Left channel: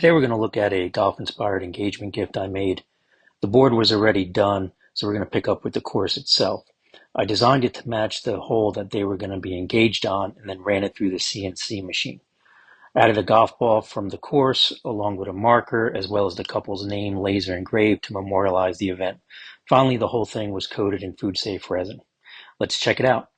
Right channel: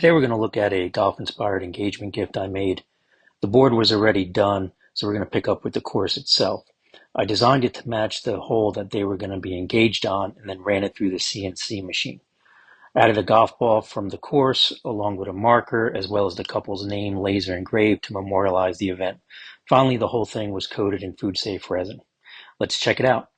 Today we're going to look at a golf-inspired engagement gift I made. The board was already done, so we're going to pick up with the course itself. I designed it to match the hole that they were going to be engaged on and then ran it through the CNC machine. Added a golf ball from the course along with a marker as well as the couple's name laser engraved to memorialize the event. Finally, the whole thing was coated in food-safe resin. Let's check it out.